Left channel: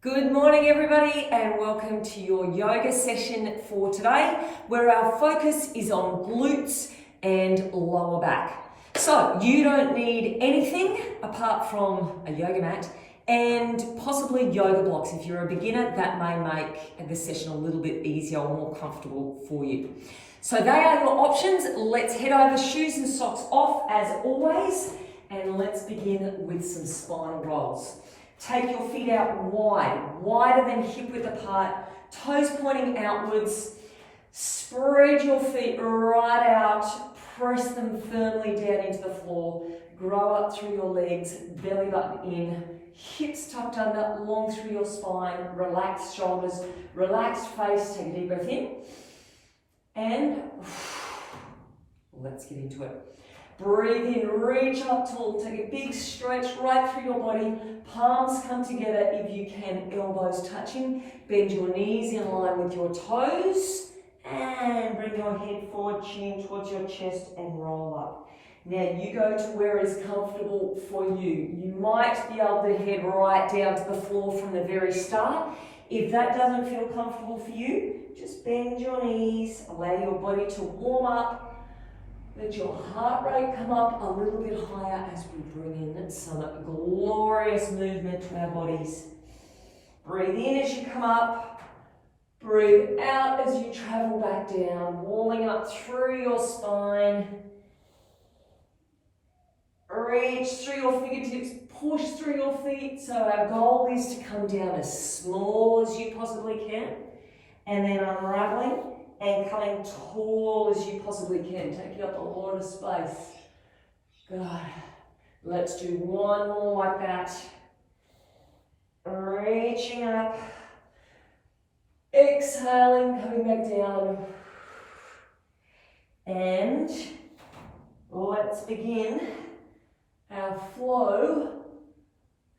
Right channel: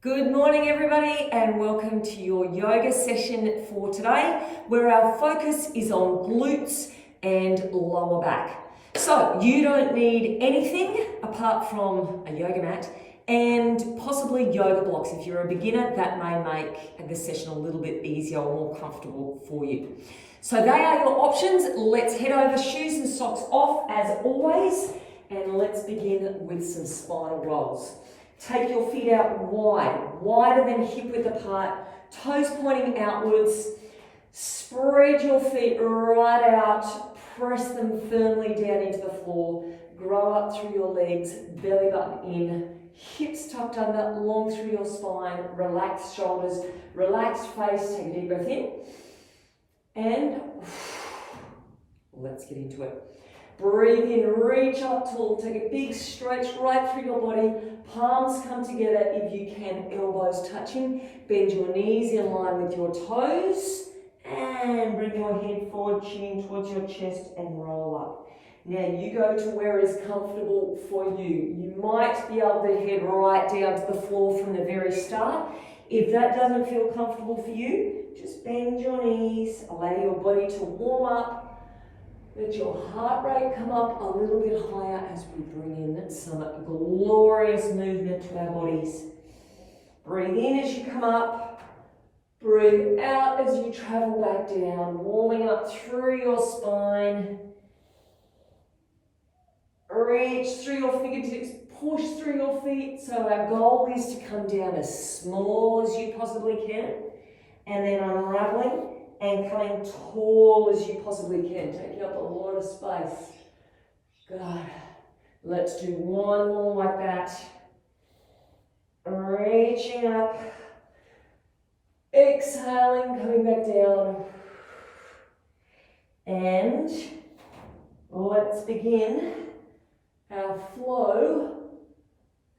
Good morning everybody and welcome to your yoga session for today where our focus is on glutes and lower back. So you don't need anything apart from a yoga mat and possibly yoga blocks. If you're a beginner, that may make the session a little bit easier or more comfortable for you. So they are your options. Let's head over, shoes and socks off as always, and let's begin with some spinal rolls. Take your feet out wide, wider than hip width apart, toes pointing outwards. Spread your feet right out, press them firmly down into the floor, grow up through your legs, belly button in, hips tucked under, long through your spine, relaxed shoulders, relaxed face. Take a deep breath in, and let's get into it. Breathe in, reach up tall, take a big stretch right through your body, palms come together if you can, elbows touching, bend your knees in line with your toes, and bring your head forward, chin towards your chest and roll up. Now you go to where is comfortable for you. You might be able to head right down to the floor from the very start. If that doesn't feel comfortable for you, just bend your knees, allow your body to warm up. Let your heart rate come up a little bit higher as we bring in some glorious movement to our bodies. Breathe in as you come up. Breathe out as you travel back down, warming up through your spine. Reach through your fingertips, push through your feet. So our goal is to come down as small as you possibly can, and then unraveling and coming tall as you possibly can, taking up a lot of space. Good. Let's do one more like that. Reaching up, exhaling, coming back down. And let's begin our flow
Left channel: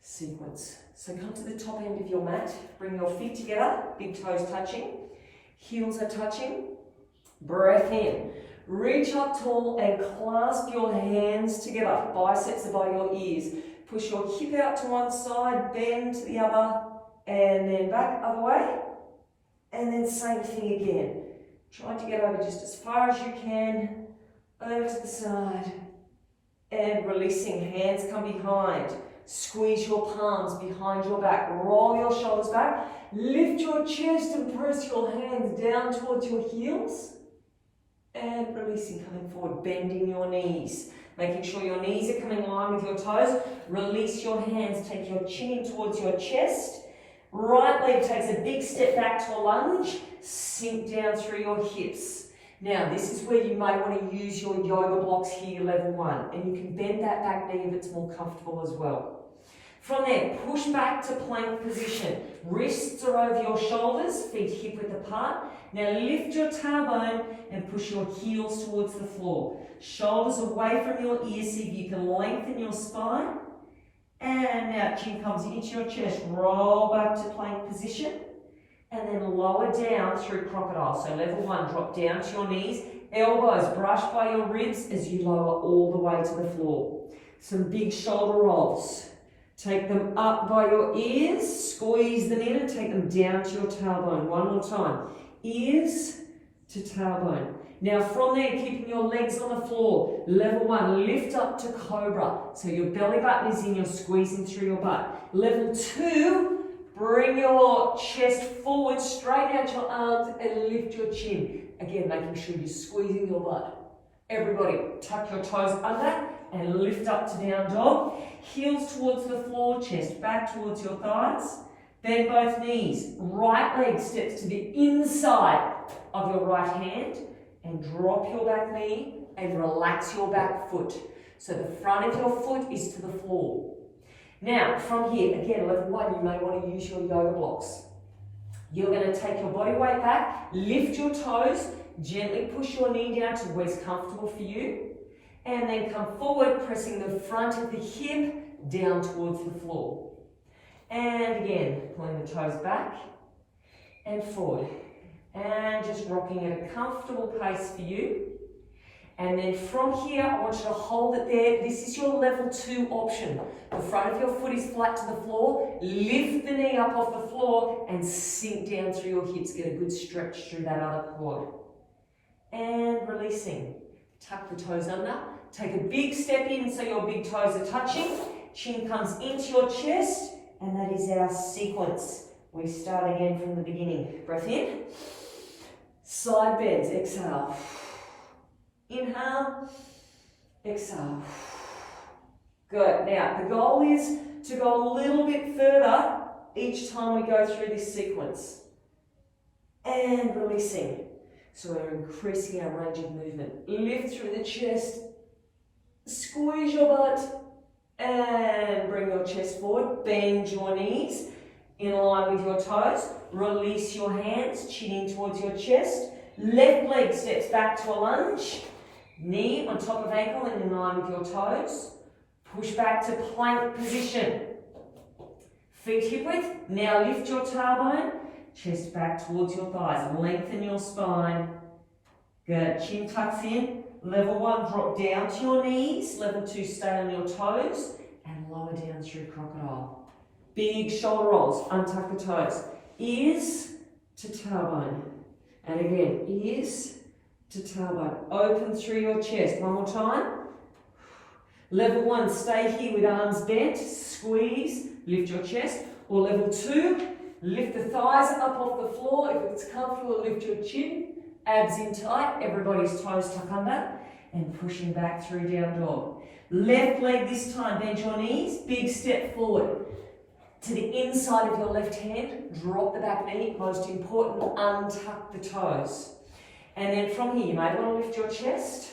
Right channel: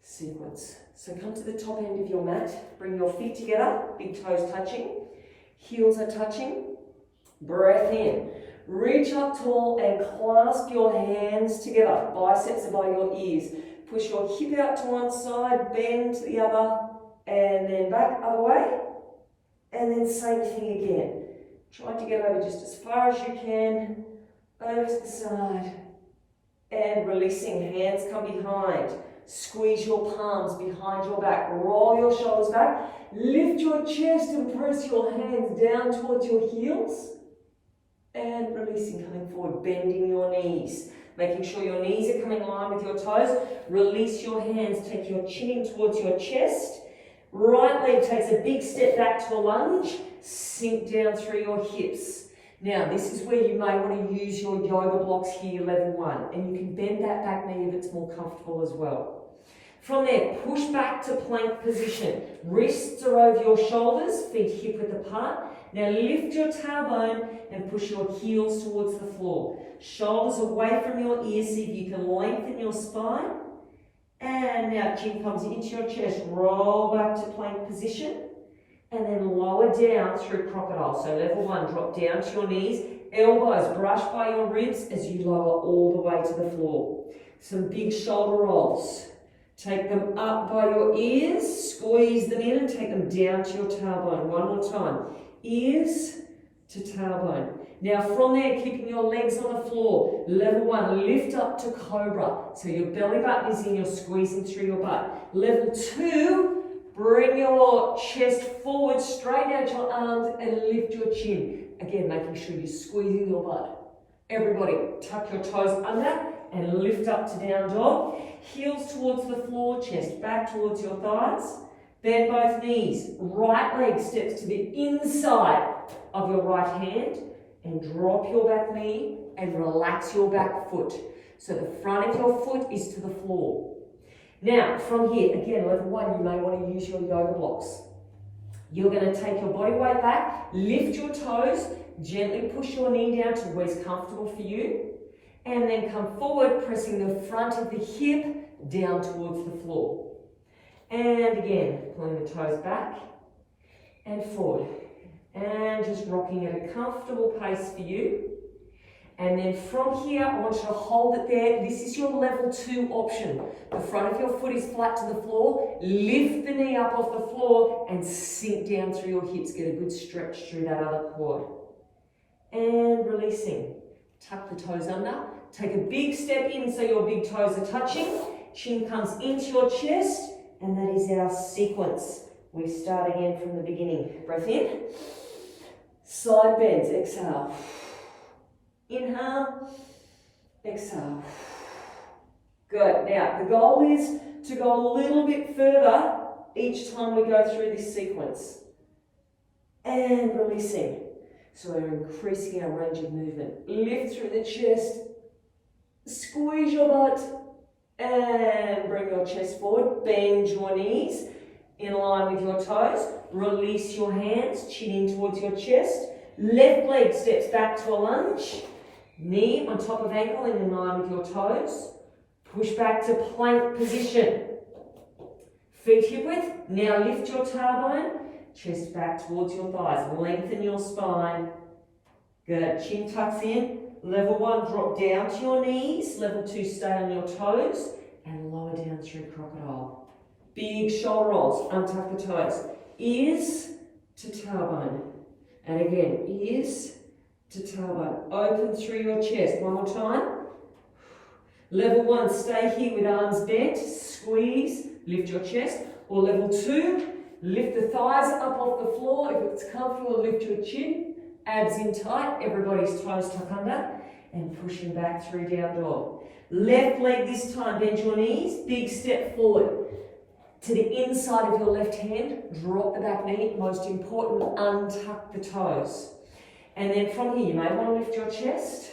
sequence. So come to the top end of your mat, bring your feet together, big toes touching. Heels are touching. Breath in. Reach up tall and clasp your hands together. Biceps are by your ears. Push your hip out to one side, bend to the other, and then back other way. And then same thing again. Try to get over just as far as you can, over to the side. And releasing, hands come behind. Squeeze your palms behind your back. Roll your shoulders back. Lift your chest and press your hands down towards your heels. And releasing, coming forward, bending your knees. Making sure your knees are coming in line with your toes. Release your hands, take your chin in towards your chest. Right leg takes a big step back to a lunge. Sink down through your hips. Now, this is where you may want to use your yoga blocks here, level 1. And you can bend that back knee if it's more comfortable as well. From there, push back to plank position. Wrists are over your shoulders, feet hip width apart. Now lift your tailbone and push your heels towards the floor. Shoulders away from your ears, see if you can lengthen your spine. And now chin comes into your chest, roll back to plank position. And then lower down through crocodile. So level 1, drop down to your knees. Elbows brush by your ribs as you lower all the way to the floor. Some big shoulder rolls. Take them up by your ears, squeeze them in and take them down to your tailbone. One more time. Ears to tailbone. Now from there, keeping your legs on the floor. Level 1, lift up to Cobra. So your belly button is in, you're squeezing through your butt. Level 2, bring your chest forward, straighten out your arms and lift your chin. Again, making sure you're squeezing your butt. Everybody, tuck your toes under and lift up to down dog. Heels towards the floor, chest back towards your thighs. Bend both knees. Right leg steps to the inside of your right hand and drop your back knee and relax your back foot. So the front of your foot is to the floor. Now, from here, again, level 1, you may want to use your yoga blocks. You're going to take your body weight back, lift your toes, gently push your knee down to where's comfortable for you. And then come forward, pressing the front of the hip down towards the floor. And again, pulling the toes back and forward. And just rocking at a comfortable pace for you. And then from here, I want you to hold it there. This is your level 2 option. The front of your foot is flat to the floor. Lift the knee up off the floor and sink down through your hips. Get a good stretch through that other quad. And releasing. Tuck the toes under. Take a big step in so your big toes are touching. Chin comes into your chest. And that is our sequence. We start again from the beginning. Breath in. Side bends. Exhale. Inhale, exhale. Good. Now, the goal is to go a little bit further each time we go through this sequence. And releasing. So we're increasing our range of movement. Lift through the chest. Squeeze your butt. And bring your chest forward. Bend your knees in line with your toes. Release your hands, chin in towards your chest. Left leg steps back to a lunge. Knee on top of ankle and in line with your toes. Push back to plank position. Feet hip width. Now lift your tailbone. Chest back towards your thighs. Lengthen your spine. Good. Chin tucks in. Level 1, drop down to your knees. Level 2, stay on your toes. And lower down through crocodile. Big shoulder rolls. Untuck the toes. Ears to tailbone. And again, ears to tailbone. Open through your chest. One more time. Level 1, stay here with arms bent. Squeeze, lift your chest. Or level 2, lift the thighs up off the floor. If it's comfortable, lift your chin. Abs in tight. Everybody's toes tuck under. And pushing back through down dog. Left leg this time. Bend your knees. Big step forward. To the inside of your left hand. Drop the back knee. Most important, untuck the toes. And then from here, you may want to lift your chest.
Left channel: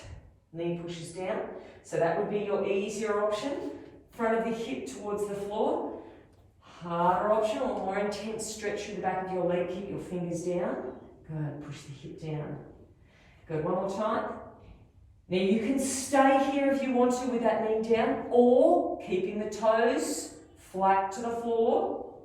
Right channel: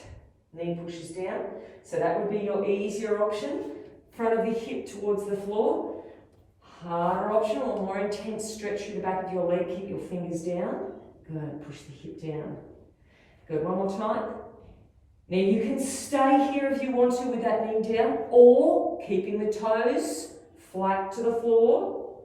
Knee pushes down. So that would be your easier option. Front of the hip towards the floor. Harder option or more intense stretch through the back of your leg. Keep your fingers down. Good. Push the hip down. Good. One more time. Now you can stay here if you want to with that knee down, or keeping the toes flat to the floor.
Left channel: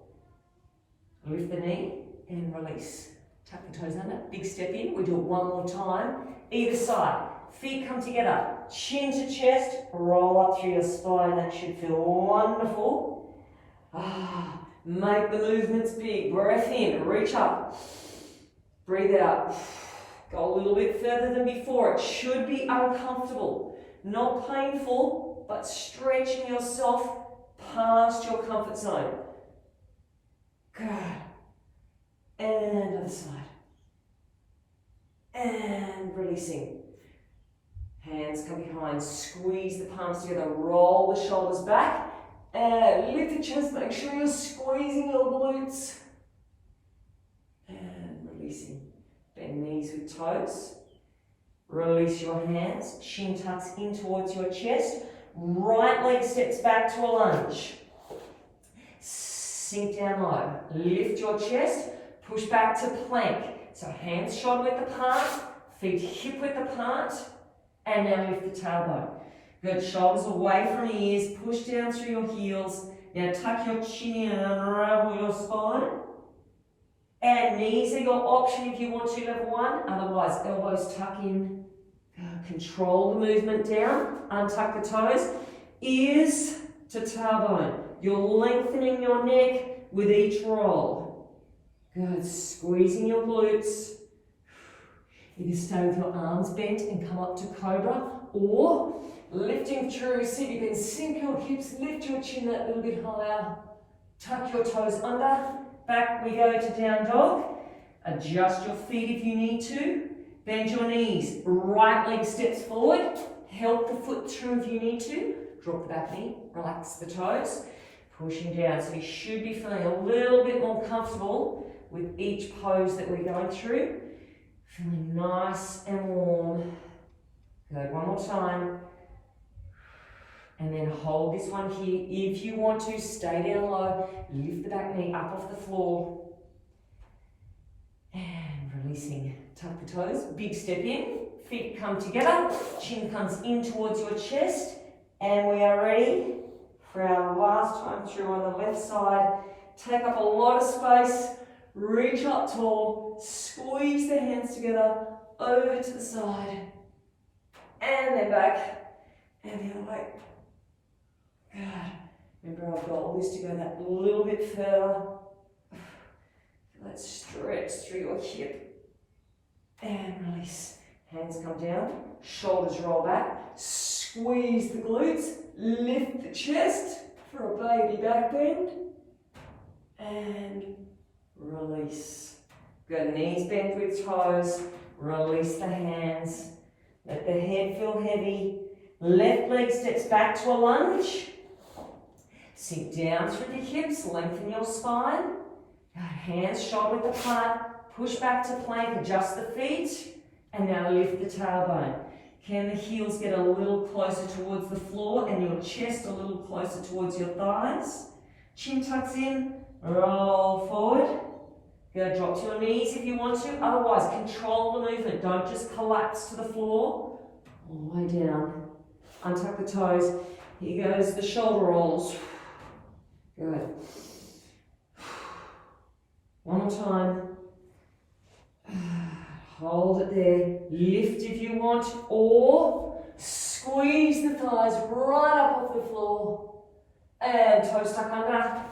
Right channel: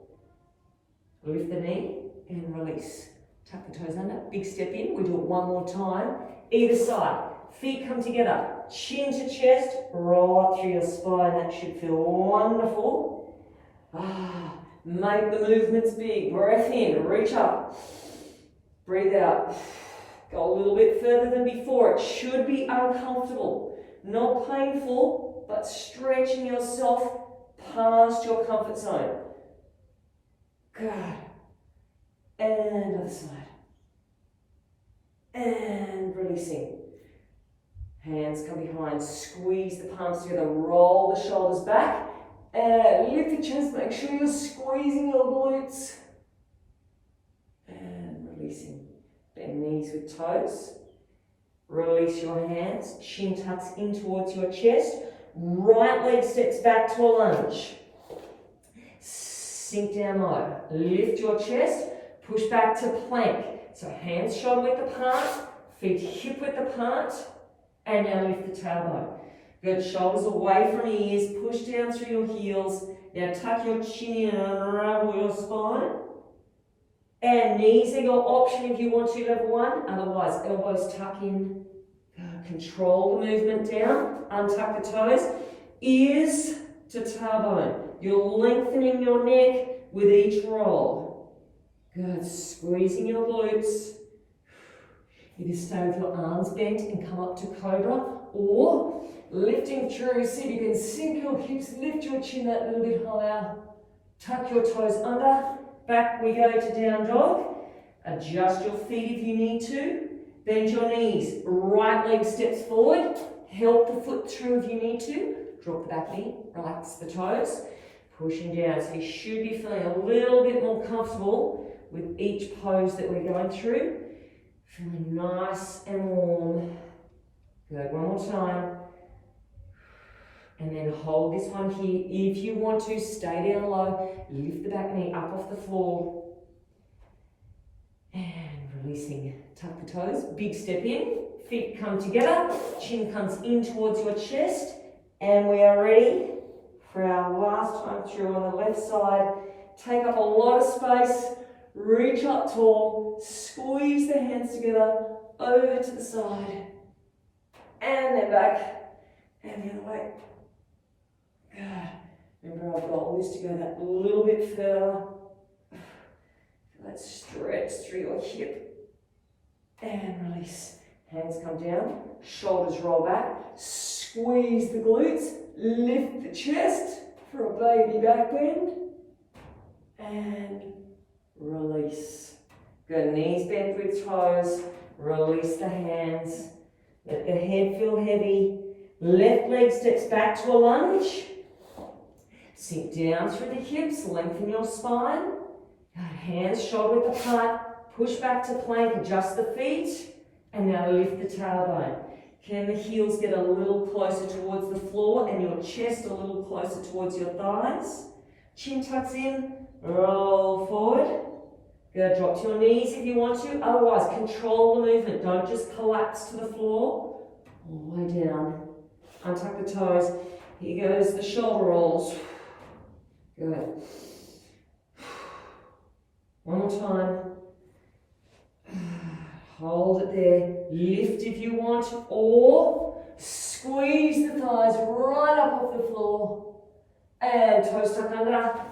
Lift the knee and release. Tuck the toes under, big step in. We do it one more time. Either side. Feet come together. Chin to chest. Roll up through your spine. That should feel wonderful. Make the movements big. Breath in. Reach up. Breathe out. Go a little bit further than before. It should be uncomfortable. Not painful, but stretching yourself past your comfort zone. Good. And other side. And releasing. Hands come behind. Squeeze the palms together. Roll the shoulders back. And lift the chest. Make sure you're squeezing your glutes. And releasing. Bend knees with toes. Release your hands. Chin tucks in towards your chest. Right leg steps back to a lunge. Sink down low. Lift your chest. Push back to plank. So hands shoulder width apart. Feet hip width apart. And now lift the tailbone. Good. Shoulders away from ears. Push down through your heels. Now tuck your chin in and unravel your spine. And knees are your option if you want to, level 1. Otherwise, elbows tuck in. Control the movement down. Untuck the toes. Ears to tailbone. You're lengthening your neck with each roll. Good. Squeezing your glutes. Either stay with your arms bent and come up to Cobra, or lifting through. See if you can sink your hips, lift your chin that little bit higher. Tuck your toes under. Back we go to down dog. Adjust your feet if you need to. Bend your knees. Right leg steps forward. Help the foot through if you need to. Drop the back knee. Relax the toes. Pushing down. So you should be feeling a little bit more comfortable with each pose that we're going through. Feeling nice and warm. Good. One more time. And then hold this one here. If you want to, stay down low. Lift the back knee up off the floor. And releasing. Tuck the toes. Big step in. Feet come together. Chin comes in towards your chest. And we are ready for our last time through on the left side. Take up a lot of space. Reach up tall. Squeeze the hands together. Over to the side. and then back, and the other way. Good. Remember, our goal is to go that little bit further. Let's stretch through your hip and release. Hands come down, shoulders roll back, squeeze the glutes, lift the chest for a baby back bend, and release. Good, knees bent with toes, release the hands, let the head feel heavy. Left leg steps back to a lunge. Sink down through the hips, lengthen your spine. Hands shoulder width apart, push back to plank, adjust the feet, and now lift the tailbone. Can the heels get a little closer towards the floor and your chest a little closer towards your thighs? Chin tucks in, roll forward. Go drop to your knees if you want to, otherwise control the movement. Don't just collapse to the floor. All the way down. Untuck the toes. Here goes the shoulder rolls. Good. One more time. Hold it there. Lift if you want, or squeeze the thighs right up off the floor. And toes stuck under. Back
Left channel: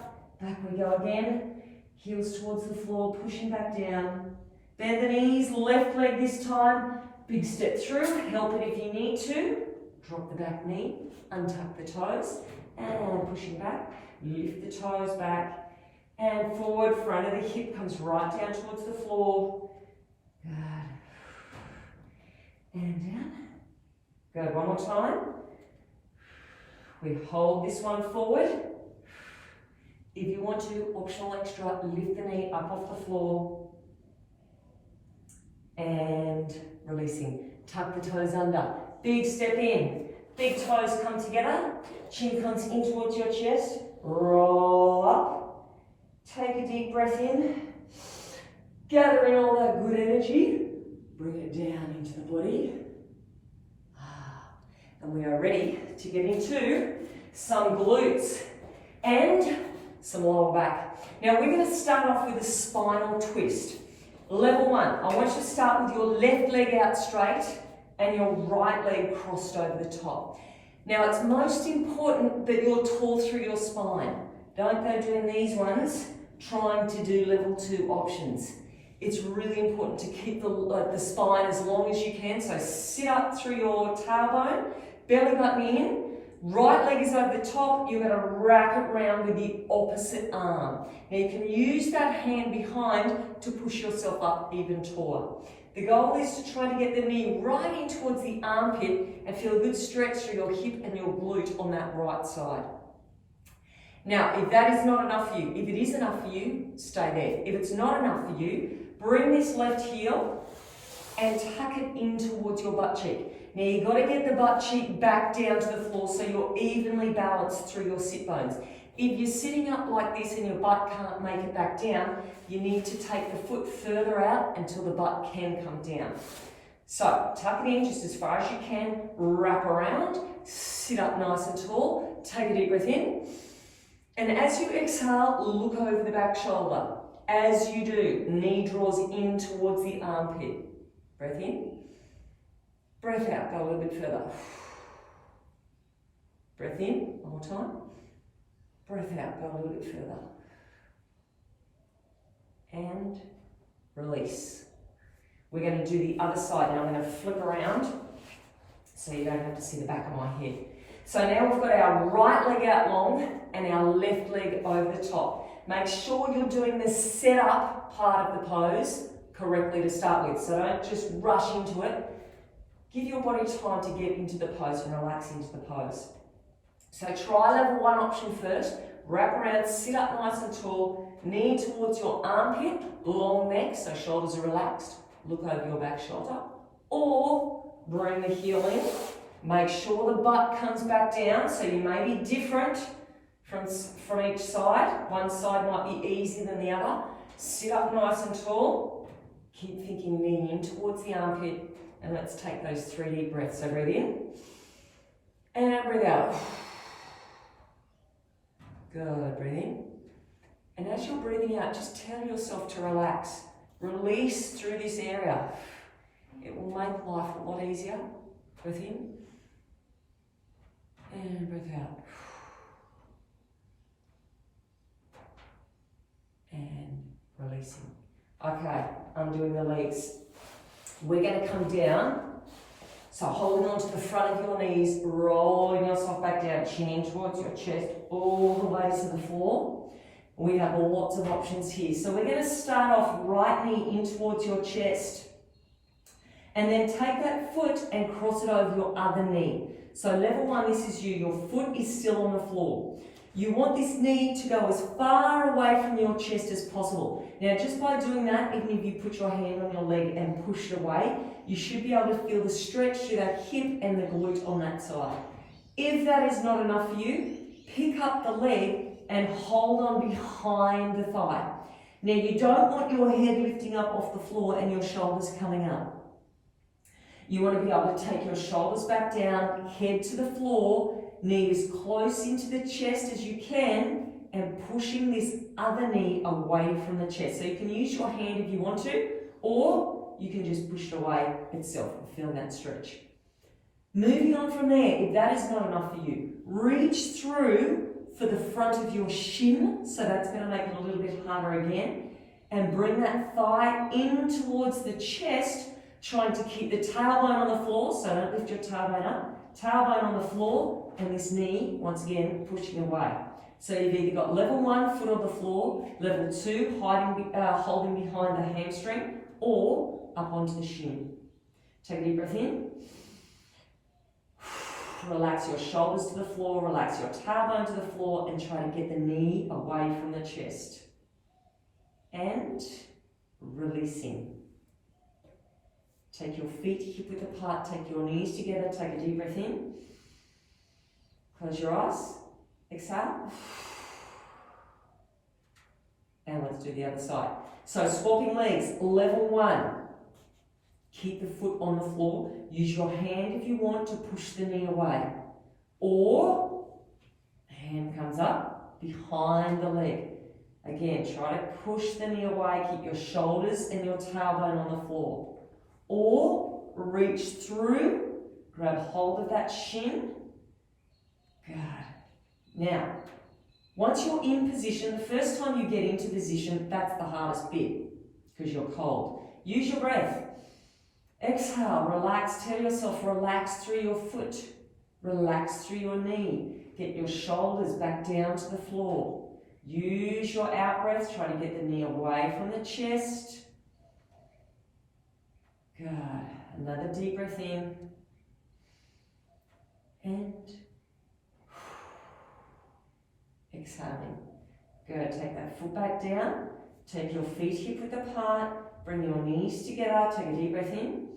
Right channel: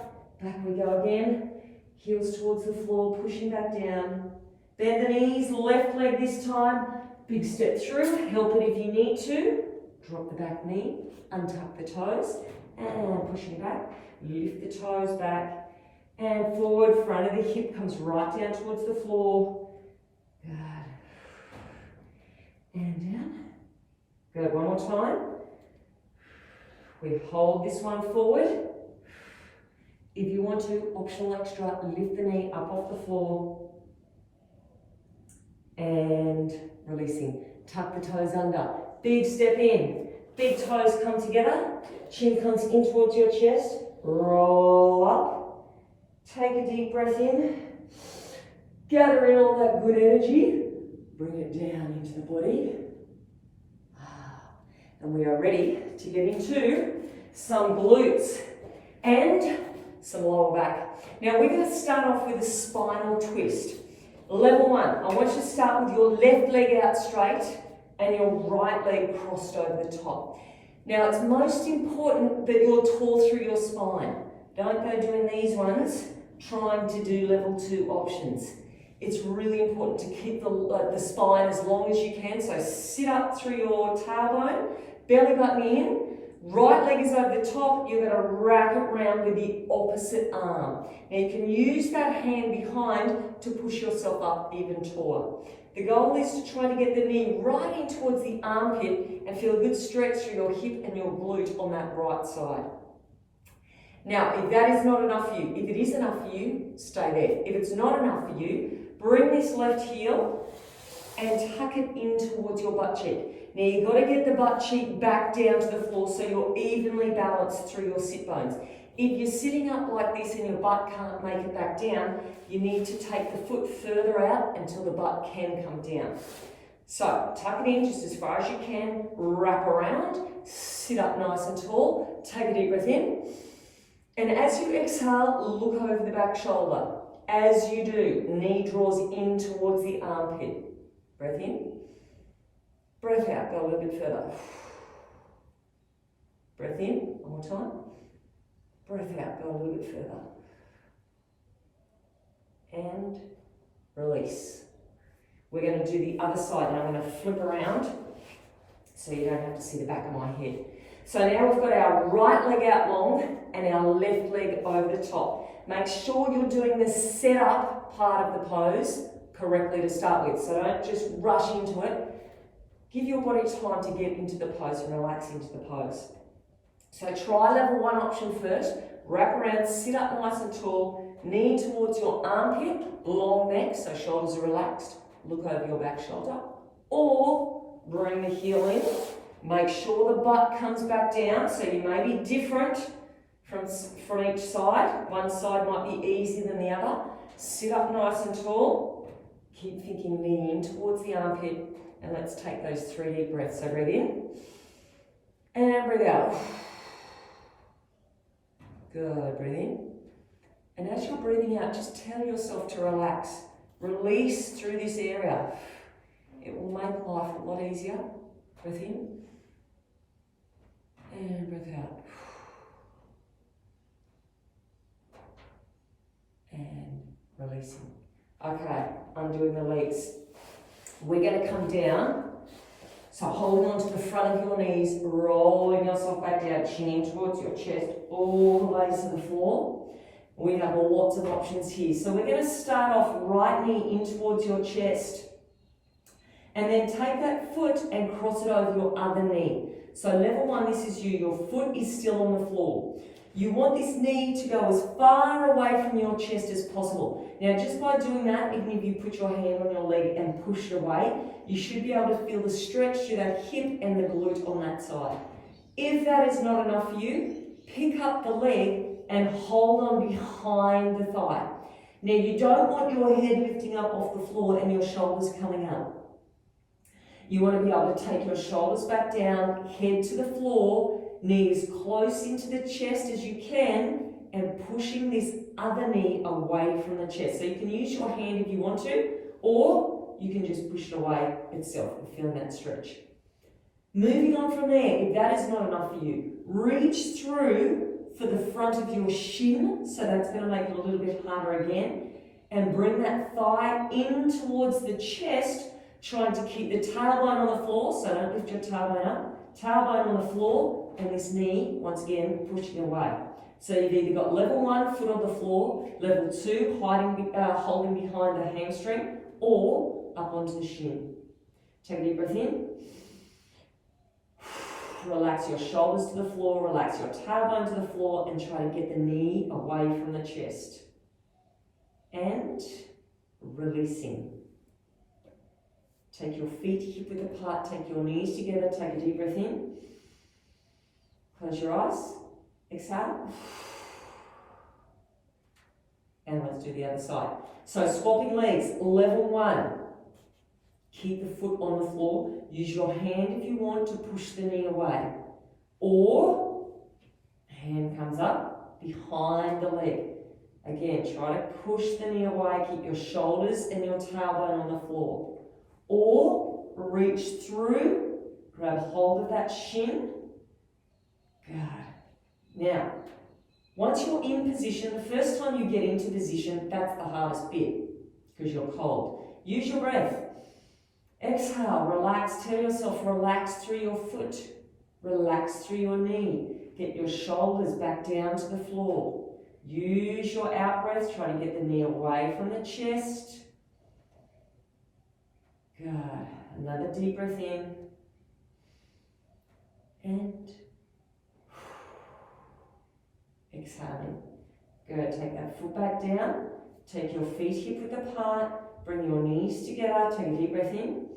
we go again. Heels towards the floor, pushing back down. Bend the knees, left leg this time. Big step through. Help it if you need to. Drop the back knee, untuck the toes, and pushing back. Lift the toes back. And forward, front of the hip comes right down towards the floor. Good. And down. Good, one more time. We hold this one forward. If you want to, optional extra, lift the knee up off the floor. And releasing. Tuck the toes under. Big step in. Big toes come together. Chin comes in towards your chest. Roll up. Take a deep breath in. Gather in all that good energy. Bring it down into the body. And we are ready to get into some glutes and some lower back. Now we're going to start off with a spinal twist. Level 1, I want you to start with your left leg out straight and your right leg crossed over the top. Now it's most important that you're tall through your spine. Don't go doing these ones trying to do level 2 options. It's really important to keep the spine as long as you can. So sit up through your tailbone, belly button in, right leg is over the top. You're going to wrap it round with the opposite arm. Now you can use that hand behind to push yourself up even taller. The goal is to try to get the knee right in towards the armpit and feel a good stretch through your hip and your glute on that right side. Now, if that is not enough for you, if it is enough for you, stay there. If it's not enough for you, bring this left heel and tuck it in towards your butt cheek. Now, you've got to get the butt cheek back down to the floor so you're evenly balanced through your sit bones. If you're sitting up like this and your butt can't make it back down, you need to take the foot further out until the butt can come down. So, tuck it in just as far as you can, wrap around, sit up nice and tall, take a deep breath in. And as you exhale, look over the back shoulder. As you do, knee draws in towards the armpit. Breath in. Breath out, go a little bit further. Breath in, one more time. Breath out, go a little bit further. And release. We're going to do the other side. Now I'm going to flip around so you don't have to see the back of my head. So now we've got our right leg out long and our left leg over the top. Make sure you're doing the setup part of the pose correctly to start with. So don't just rush into it. Give your body time to get into the pose and relax into the pose. So try level 1 option first. Wrap around, sit up nice and tall, knee towards your armpit, long neck, so shoulders are relaxed. Look over your back shoulder. Or bring the heel in. Make sure the butt comes back down, so you may be different from each side. One side might be easier than the other. Sit up nice and tall. Keep thinking knee in towards the armpit. And let's take those 3 deep breaths. So breathe in. And breathe out. Good, breathe in. And as you're breathing out, just tell yourself to relax. Release through this area. It will make life a lot easier. Breath in. And breath out. And releasing. Okay, undoing the legs. We're going to come down. So holding on to the front of your knees, rolling yourself back down, chin towards your chest, all the way to the floor. We have lots of options here. So we're going to start off right knee in towards your chest. And then take that foot and cross it over your other knee. So level one, this is you. Your foot is still on the floor. You want this knee to go as far away from your chest as possible. Now, just by doing that, even if you put your hand on your leg and push it away, you should be able to feel the stretch through that hip and the glute on that side. If that is not enough for you, pick up the leg and hold on behind the thigh. Now, you don't want your head lifting up off the floor and your shoulders coming up. You want to be able to take your shoulders back down, head to the floor, knee as close into the chest as you can, and pushing this other knee away from the chest. So you can use your hand if you want to, or you can just push it away itself and feel that stretch. Moving on from there, if that is not enough for you, reach through for the front of your shin, so that's going to make it a little bit harder again, and bring that thigh in towards the chest, trying to keep the tailbone on the floor, so don't lift your tailbone up, tailbone on the floor, and this knee, once again, pushing away. So you've either got level one, foot on the floor, level two, holding behind the hamstring, or up onto the shin. Take a deep breath in. Relax your shoulders to the floor, relax your tailbone to the floor, and try to get the knee away from the chest. And releasing. Take your feet hip-width apart, take your knees together, take a deep breath in. Close your eyes, exhale. And let's do the other side. So swapping legs, level one. Keep the foot on the floor. Use your hand if you want to push the knee away. Or, hand comes up behind the leg. Again, try to push the knee away, keep your shoulders and your tailbone on the floor. Or reach through, grab hold of that shin. Good. Now, once you're in position, the first time you get into position, that's the hardest bit because you're cold. Use your breath. Exhale, relax. Tell yourself, relax through your foot. Relax through your knee. Get your shoulders back down to the floor. Use your out breath. Try to get the knee away from the chest. Good. Another deep breath in. And exhaling. Good. Take that foot back down. Take your feet hip-width apart. Bring your knees together. Take a deep breath in.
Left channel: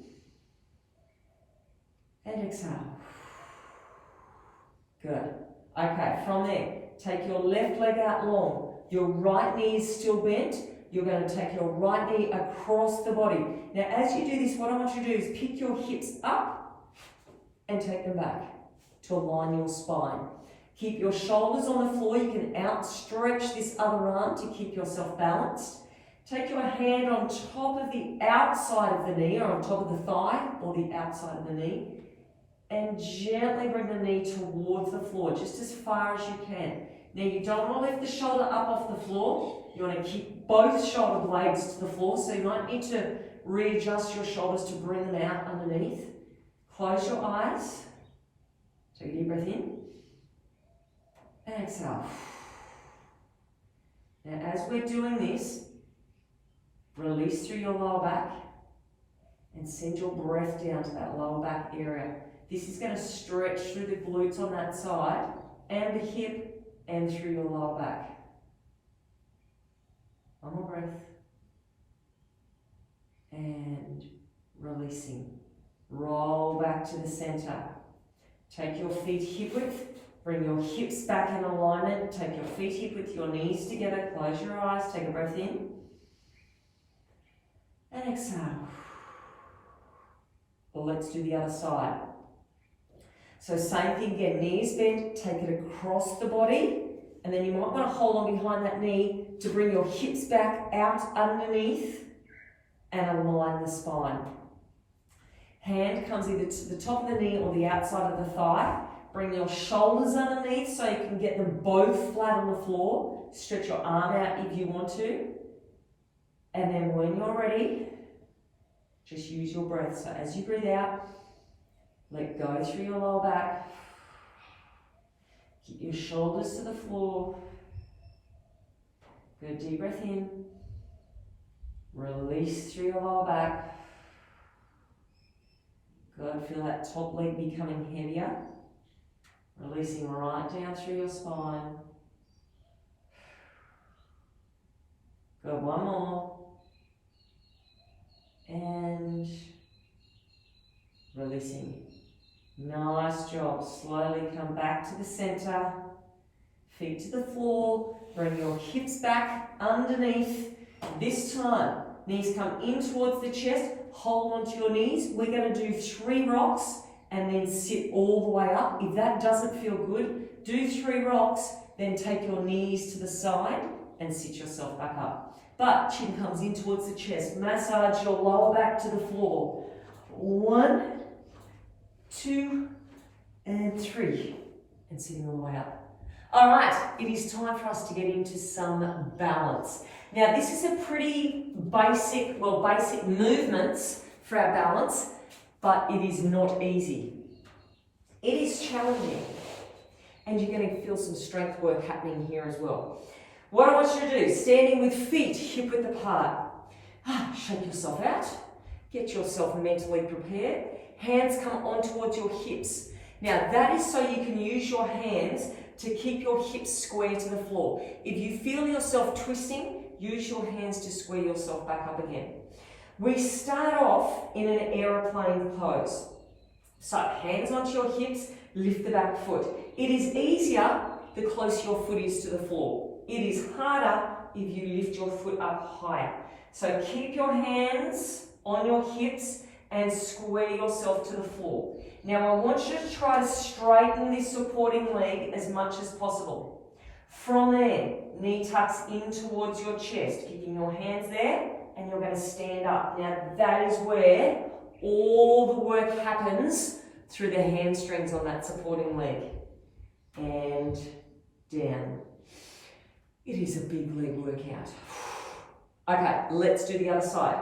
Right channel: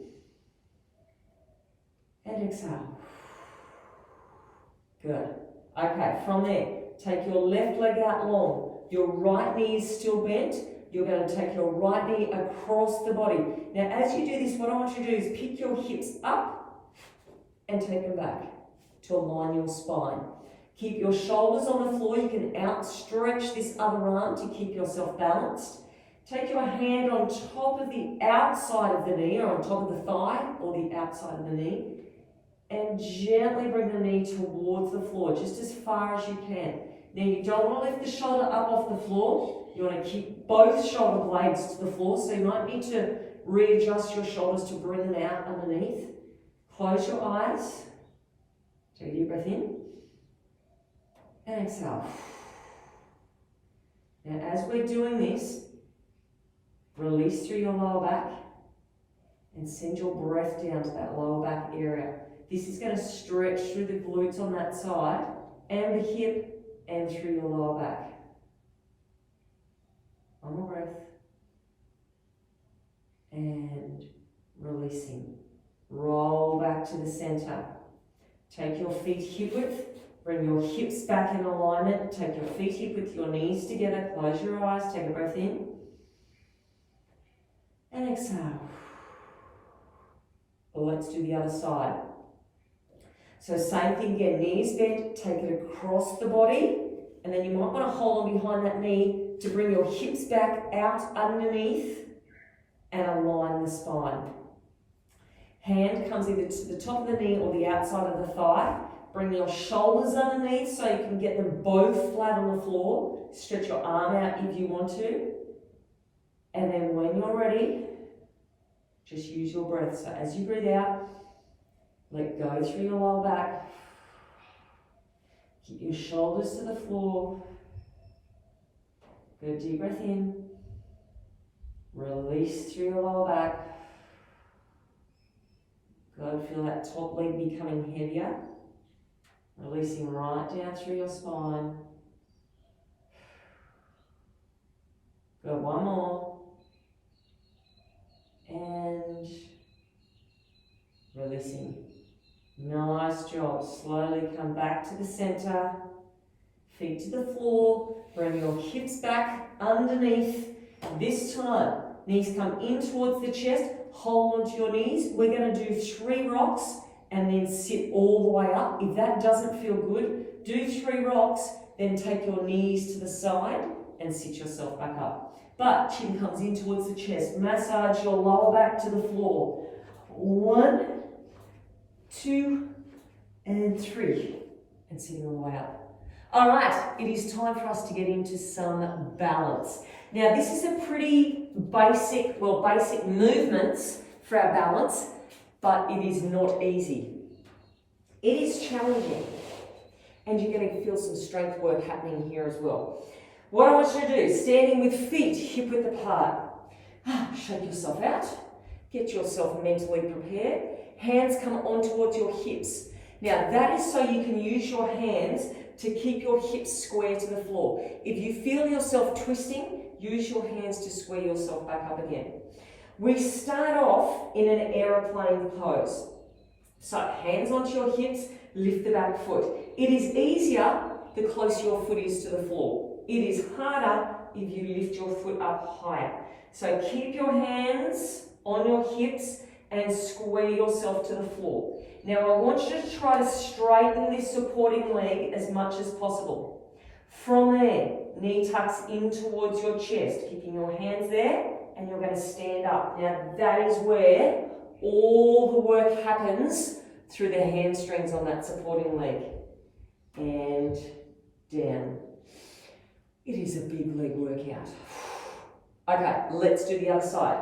And exhale. Good. Okay, from there, take your left leg out long. Your right knee is still bent. You're going to take your right knee across the body. Now, as you do this, what I want you to do is pick your hips up and take them back to align your spine. Keep your shoulders on the floor. You can outstretch this other arm to keep yourself balanced. Take your hand on top of the outside of the knee, or on top of the thigh, or the outside of the knee, and gently bring the knee towards the floor, just as far as you can. Now, you don't want to lift the shoulder up off the floor. You want to keep both shoulder blades to the floor, so you might need to readjust your shoulders to bring them out underneath. Close your eyes. Take a deep breath in. And exhale. Now, as we're doing this, release through your lower back and send your breath down to that lower back area. This is going to stretch through the glutes on that side and the hip and through your lower back. One more breath. And releasing. Roll back to the center. Take your feet hip width. Bring your hips back in alignment. Take your feet hip with your knees together. Close your eyes. Take a breath in. And exhale. Well, let's do the other side. So same thing again, knees bent, take it across the body, and then you might want to hold on behind that knee to bring your hips back out underneath and align the spine. Hand comes either to the top of the knee or the outside of the thigh. Bring your shoulders underneath so you can get them both flat on the floor. Stretch your arm out if you want to. And then when you're ready, just use your breath. So as you breathe out, let go through your lower back. Keep your shoulders to the floor. Good deep breath in. Release through your lower back. Good, feel that top leg becoming heavier. Releasing right down through your spine. Good, one more. And releasing. Nice job. Slowly come back to the center. Feet to the floor. Bring your hips back underneath. This time, knees come in towards the chest. Hold onto your knees. We're going to do 3 rocks and then sit all the way up. If that doesn't feel good, do 3 rocks, then take your knees to the side and sit yourself back up. But chin comes in towards the chest. Massage your lower back to the floor. 1, 2, and 3. And sitting all the way up. All right, it is time for us to get into some balance. Now, this is a pretty basic movements for our balance, but it is not easy. It is challenging, and you're going to feel some strength work happening here as well. What I want you to do, standing with feet hip-width apart. Shake yourself out. Get yourself mentally prepared. Hands come on towards your hips. Now, that is so you can use your hands to keep your hips square to the floor. If you feel yourself twisting, use your hands to square yourself back up again. We start off in an aeroplane pose. So hands onto your hips, lift the back foot. It is easier the closer your foot is to the floor. It is harder if you lift your foot up higher. So keep your hands on your hips and square yourself to the floor. Now I want you to try to straighten this supporting leg as much as possible. From there, knee tucks in towards your chest, keeping your hands there, and you're going to stand up. Now that is where all the work happens through the hamstrings on that supporting leg. And down. It is a big leg workout. Okay, let's do the other side.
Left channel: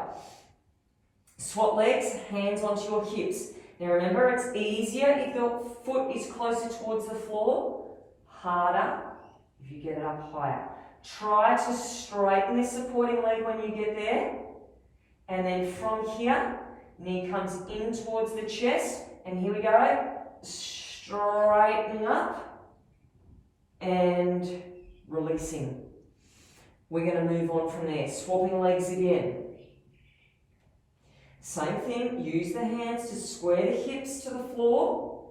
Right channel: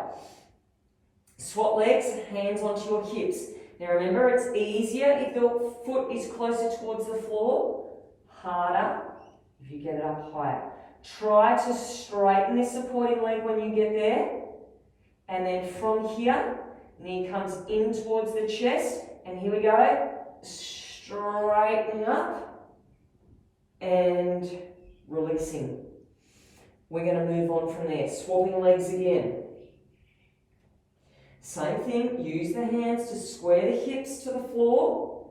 Swap legs, hands onto your hips. Now remember, it's easier if the foot is closer towards the floor, harder if you get it up higher. Try to straighten this supporting leg when you get there. And then from here, knee comes in towards the chest. And here we go. Straightening up and releasing. We're going to move on from there. Swapping legs again. Same thing, use the hands to square the hips to the floor.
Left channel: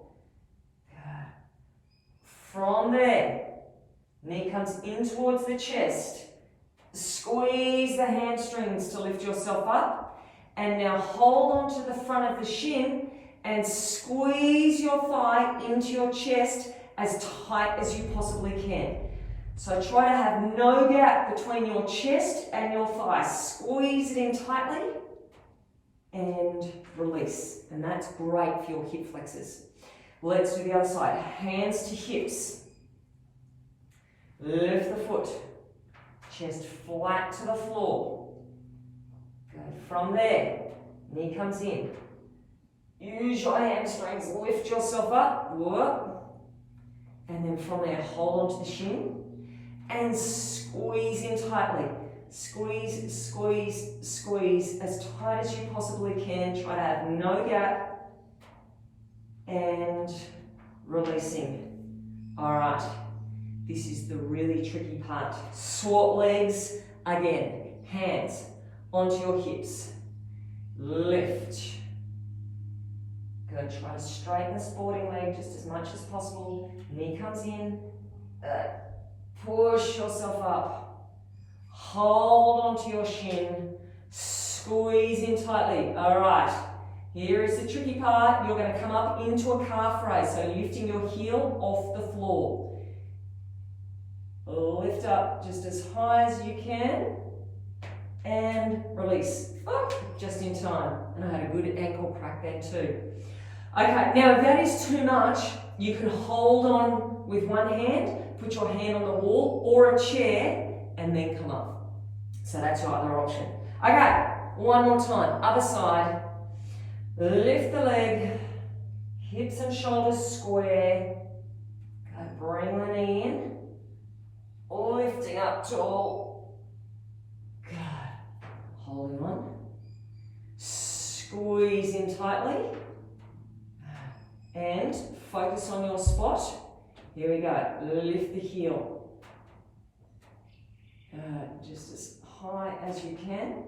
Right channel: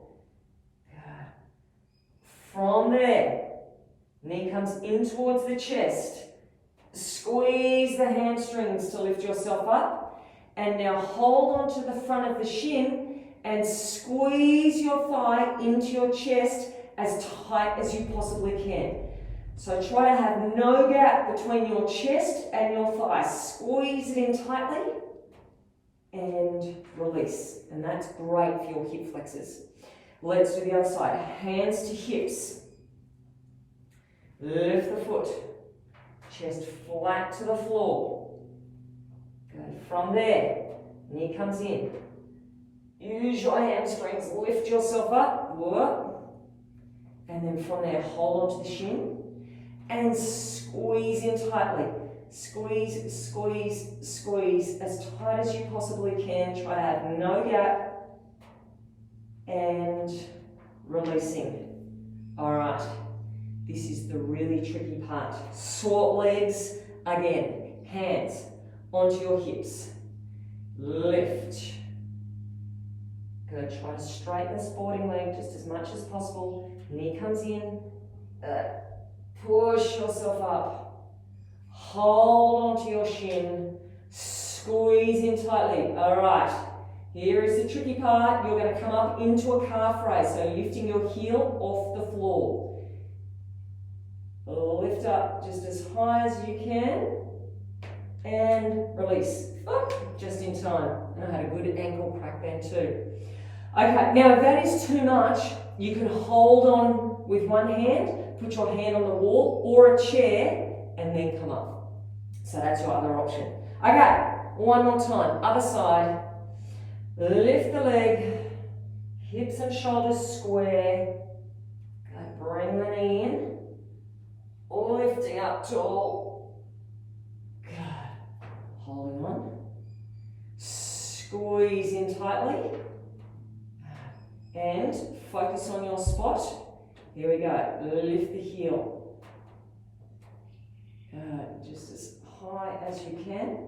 From there, knee comes in towards the chest. Squeeze the hamstrings to lift yourself up. And now hold on to the front of the shin and squeeze your thigh into your chest as tight as you possibly can. So try to have no gap between your chest and your thigh. Squeeze it in tightly. And release. And that's great for your hip flexors. Let's do the other side. Hands to hips. Lift the foot. Chest flat to the floor. Good. From there, knee comes in. Use your hamstrings. Lift yourself up. Whoop. And then from there, hold onto the shin. And squeeze in tightly. Squeeze, squeeze, squeeze as tight as you possibly can. Try to have no gap. And releasing. All right. This is the really tricky part. Swap legs again. Hands onto your hips. Lift. Good. Try to straighten the sporting leg just as much as possible. Knee comes in. Push yourself up. Hold onto your shin, squeeze in tightly. All right, here is the tricky part. You're going to come up into a calf raise, so lifting your heel off the floor. Lift up just as high as you can. and release. Oh, just in time. And I had a good ankle crack then too. Okay, now if that is too much, you can hold on with one hand, put your hand on the wall or a chair, and then come up. So that's your other option. Okay, one more time. Other side. Lift the leg, hips and shoulders square. Good. Bring the knee in. Lifting up tall. Good. Holding on. Squeeze in tightly. And focus on your spot. Here we go. Lift the heel. Good. Just as high as you can.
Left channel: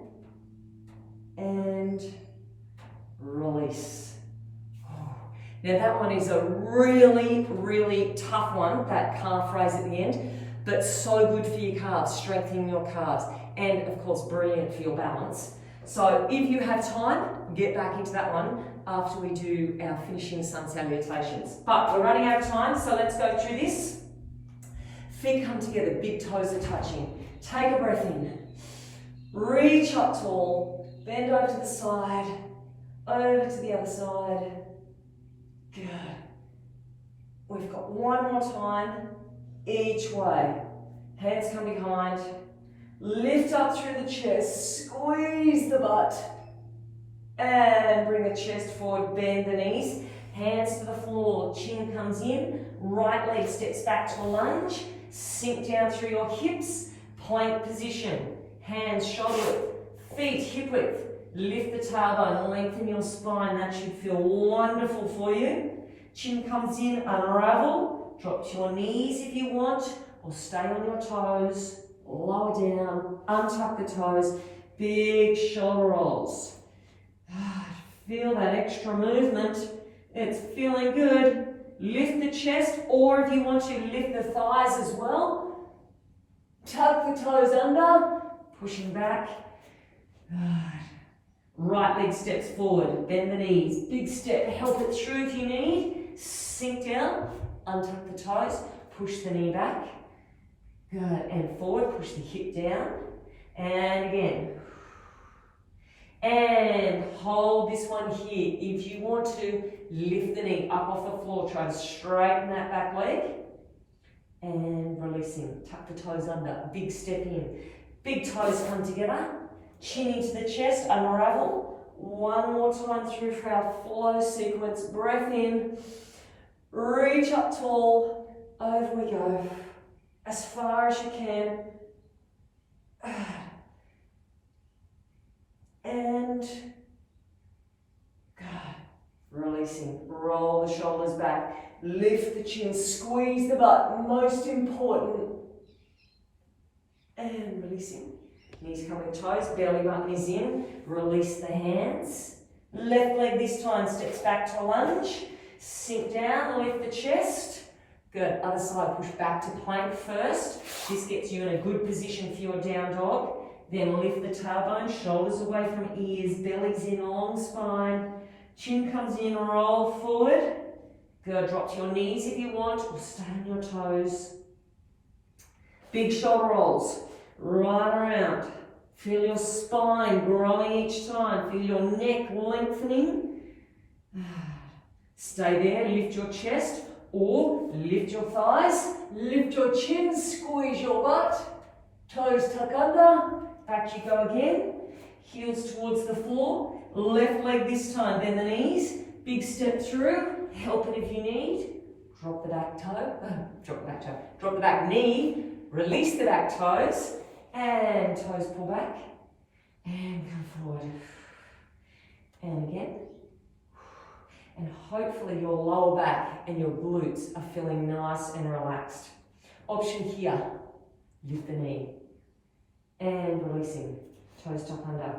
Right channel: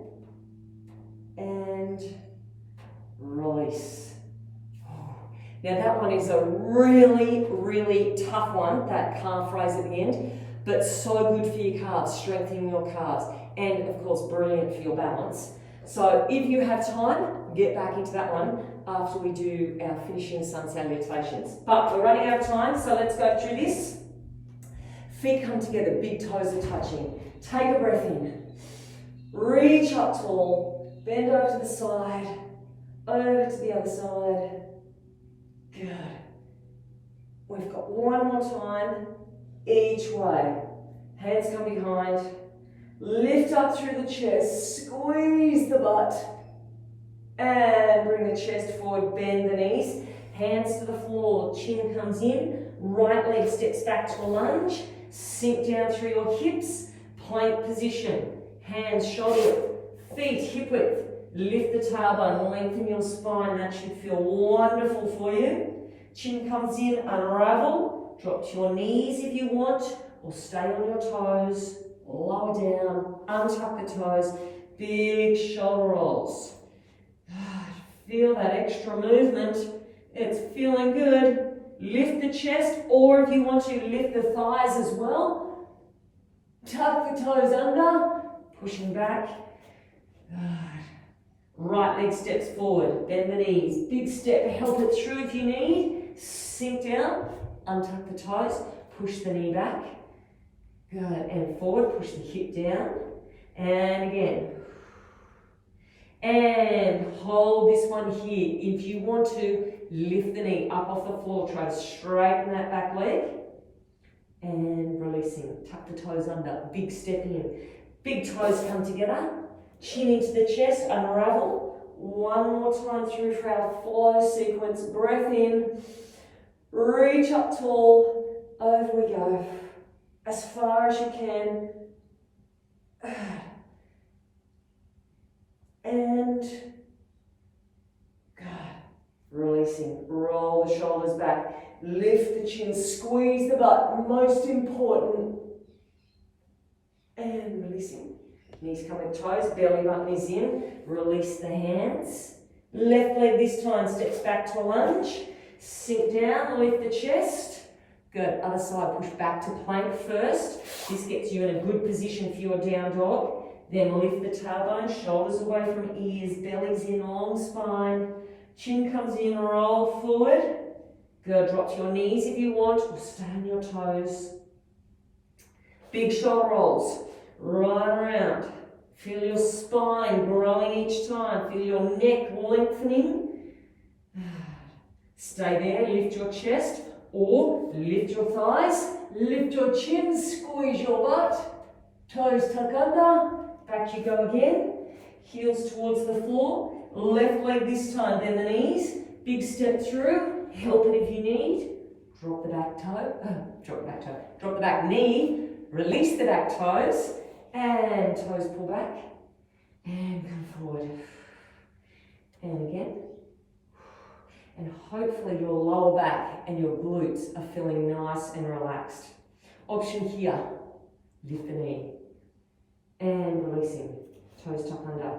And release. Oh. Now that one is a really, really tough one, that calf raise at the end, but so good for your calves, strengthening your calves, and of course brilliant for your balance. So if you have time, get back into that one after we do our finishing sun salutations. But we're running out of time, so let's go through this. Feet come together, big toes are touching. Take a breath in. Reach up tall, bend over to the side, over to the other side. Good. We've got one more time, each way. Hands come behind. Lift up through the chest, squeeze the butt. And bring the chest forward, bend the knees. Hands to the floor, chin comes in. Right leg steps back to a lunge. Sink down through your hips. Plank position. Hands shoulder width, feet hip width. Lift the tailbone, lengthen your spine. That should feel wonderful for you. Chin comes in, unravel. Drop to your knees if you want, or stay on your toes. Lower down, untuck the toes. Big shoulder rolls. Feel that extra movement. It's feeling good. Lift the chest, or if you want to, lift the thighs as well. Tuck the toes under, pushing back. Right leg steps forward, bend the knees. Big step, help it through if you need. Sink down, untuck the toes, push the knee back. Good, and forward, push the hip down. And again. And hold this one here. If you want to, lift the knee up off the floor. Try to straighten that back leg. And releasing. Tuck the toes under. Big step in. Big toes come together. Chin into the chest. Unravel. One more time through for our flow sequence. Breath in. Reach up tall. Over we go. As far as you can. And good. Releasing. Roll the shoulders back. Lift the chin. Squeeze the butt. Most important. And releasing. Knees coming toes. Belly button is in. Release the hands. Left leg this time steps back to a lunge. Sink down. Lift the chest. Good. Other side. Push back to plank first. This gets you in a good position for your down dog. Then lift the tailbone, shoulders away from ears, belly's in, long spine. Chin comes in, roll forward. Good, drop to your knees if you want, or stay on your toes. Big shoulder rolls, right around. Feel your spine growing each time. Feel your neck lengthening. Stay there, lift your chest, or lift your thighs, lift your chin, squeeze your butt. Toes tuck under. Back you go again, heels towards the floor, left leg this time, bend the knees, big step through, help it if you need, drop the back toe, drop the back knee, release the back toes, and toes pull back, and come forward, and again, and hopefully your lower back and your glutes are feeling nice and relaxed. Option here, lift the knee. And releasing, toes tuck under.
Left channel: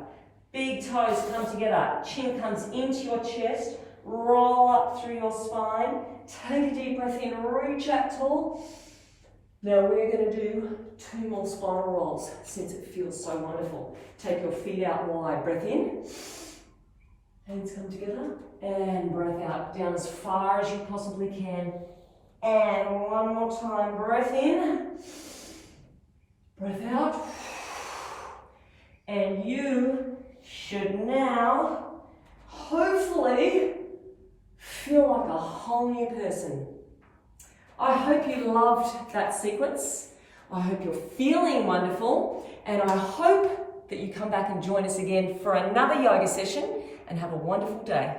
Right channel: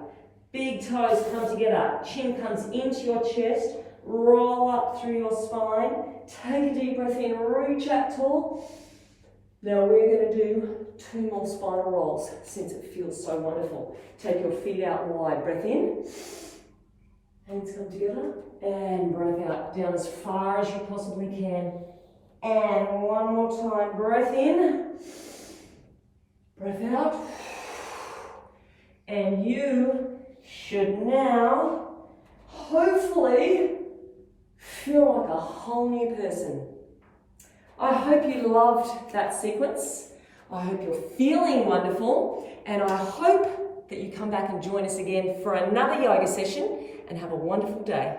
Big toes come together, chin comes into your chest, roll up through your spine, take a deep breath in, reach up tall. Now we're going to do 2 more spinal rolls since it feels so wonderful. Take your feet out wide, breath in, hands come together, and breath out, down as far as you possibly can. And one more time, breath in, breath out. And you should now, hopefully, feel like a whole new person. I hope you loved that sequence. I hope you're feeling wonderful, and I hope that you come back and join us again for another yoga session, and have a wonderful day.